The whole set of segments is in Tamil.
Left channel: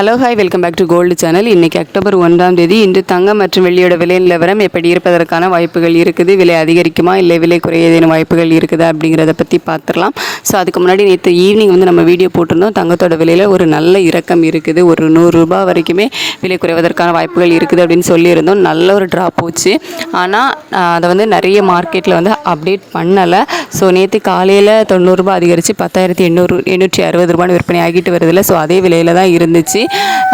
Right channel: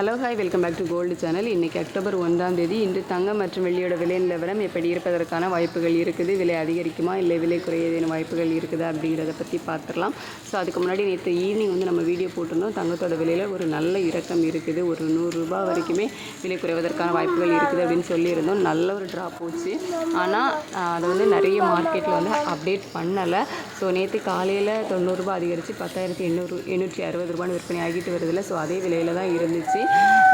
Hello hi welcome back to gold channel இன்றைக்கி அக்டோபர் ஒன்றாம் தேதி. இன்று தங்கம் மற்றும் வெள்ளியோட விலை நிலவரம் எப்படி இருப்பதற்கான வாய்ப்புகள் இருக்குது? விலை அதிகரிக்குமா? இல்லை விலை குறைய ஏதேனும் வாய்ப்புகள் இருக்குதா? அப்படிங்கிறத பற்றி பார்த்துடலாம் ஸோ அதுக்கு முன்னாடி நேற்று ஈவினிங் வந்து நம்ம வீடியோ போட்டிருந்தோம். தங்கத்தோட விலையில் ஒரு நல்ல இறக்கம் இருக்குது. ஒரு நூறுரூபா வரைக்குமே விலை குறைவதற்கான வாய்ப்புகள் இருக்குது அப்படின்னு சொல்லியிருந்தோம். நல்ல ஒரு ட்ராப் போச்சு. ஆனால் அதை வந்து நிறைய மார்க்கெட்டில் வந்து அப்டேட் பண்ணலை. ஸோ நேற்று காலையில் தொண்ணூறுரூபா அதிகரித்து பத்தாயிரத்தி எண்ணூறு எண்ணூற்றி அறுபது ரூபான்னு விற்பனை ஆகிட்டு வருதுல்ல. ஸோ அதே விலையில் தான் இருந்துச்சு.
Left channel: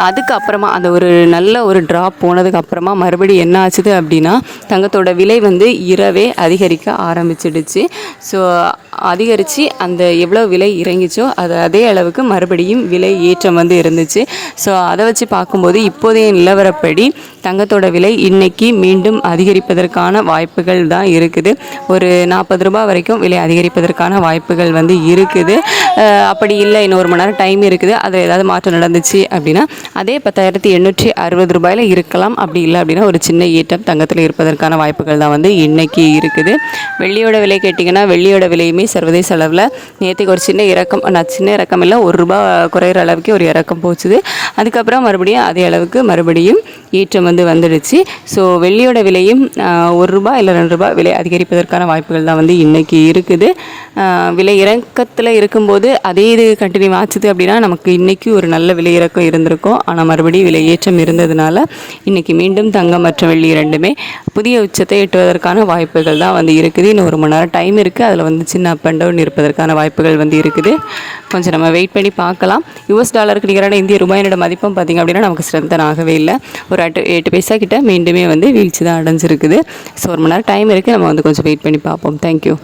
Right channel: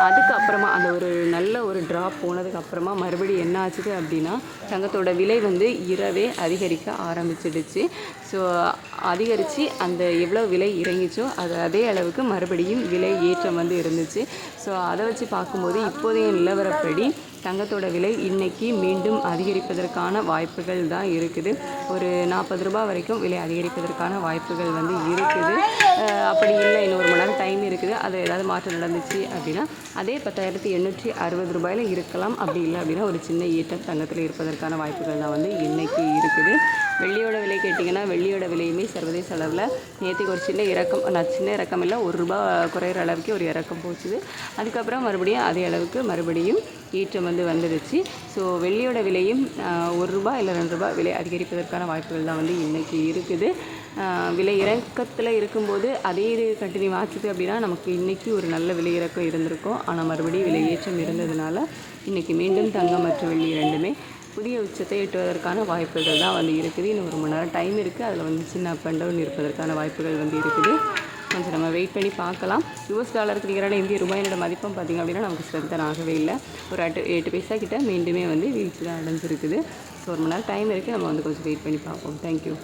அதுக்கப்புறமா அந்த ஒரு நல்ல ஒரு ட்ராப் போனதுக்கப்புறமா மறுபடியும் என்ன ஆச்சுது அப்படின்னா தங்கத்தோட விலை வந்து இரவே அதிகரிக்க ஆரம்பிச்சிடுச்சு. ஸோ அதிகரித்து அந்த எவ்வளோ விலை இறங்கிச்சோ அது அதே அளவுக்கு மறுபடியும் விலை ஏற்றம் வந்து இருந்துச்சு. ஸோ அதை வச்சு பார்க்கும்போது இப்போதைய நிலவரப்படி தங்கத்தோட விலை இன்னைக்கு மீண்டும் அதிகரிப்பதற்கான வாய்ப்புகள் தான் இருக்குது. ஒரு நாற்பது ரூபாய் வரைக்கும் விலை அதிகரிப்பதற்கான வாய்ப்புகள் வந்து இருக்குது. அப்படி இல்லை இன்னொரு மணி நேரம் டைம் இருக்குது. அது ஏதாவது மாற்றம் நடந்துச்சு அப்படின்னா அதே பத்தாயிரத்தி எண்ணூற்றி அறுபது ரூபாயில் இருக்கலாம். அப்படி இல்லை அப்படின்னா ஒரு சின்ன ஈட்டம் தங்கத்தில் இருப்பதற்கான வாய்ப்புகள் தான் வந்து இன்றைக்கி இருக்குது. வெள்ளியோட விலை கேட்டிங்கன்னா வெள்ளியோட விலையுமே சர்வதேச அளவில் நேற்றுக்கு ஒரு சின்ன இறக்கம் நான் சின்ன இறக்கம் இல்லை ஒரு ரூபா குறையிற அளவுக்கு ஒரு இறக்கம் போச்சுது. அதுக்கப்புறம் மறுபடியும் அதே அளவுக்கு மறுபடியும் ஏற்றம் வந்து வந்துடுச்சு. ஸோ வெள்ளியோட விலையும் ஒரு ரூபா இல்லை ரெண்டு ரூபாய் விலை அதிகரிப்பதற்கான வாய்ப்புகள் தான் வந்து இன்றைக்கி இருக்குது. விலை இறக்கத்தில் இருக்கும்போது அதே இது கண்டினியூ ஆச்சுது அப்படின்னா நமக்கு இன்றைக்கி ஒரு நல்ல விலை இறக்கம் இருந்திருக்கும். ஆனால் மறுபடியும் விலை ஏற்றம் இருந்ததுனால இன்றைக்கி மீண்டும் தங்கம் மற்றும் வெள்ளி இரண்டுமே புதிய உச்சத்தை எட்டுவதற்கான வாய்ப்புகள் தான் வந்து இருக்குது. இன்னும் ஒரு மணி நேரம் டைம் இருக்குது அதில் வந்து சின்ன அப் அண்ட் டவுன் இருப்பதற்கான வாய்ப்புகள் வந்து இருக்குது. கொஞ்சம் நம்ம வெயிட் பண்ணி பார்க்கலாம். யூஎஸ் டாலருக்கு நிகரான இந்திய ரூபாயினோட மதிப்பும் பார்த்திங்க அப்படின்னா நமக்கு ஸ்ட்ரென்தன் ஆகவே இல்லை. ஒரு எட்டு எட்டு பைசா கிட்ட மீண்டுமே வந்து வீழ்ச்சி தான் அடைஞ்சிருக்குது. ஸோ ஒரு மணி நேரம் டைம் இருக்குது நம்ம வந்து கொஞ்சம் வெயிட் பண்ணி பார்ப்போம். தேங்க்யூ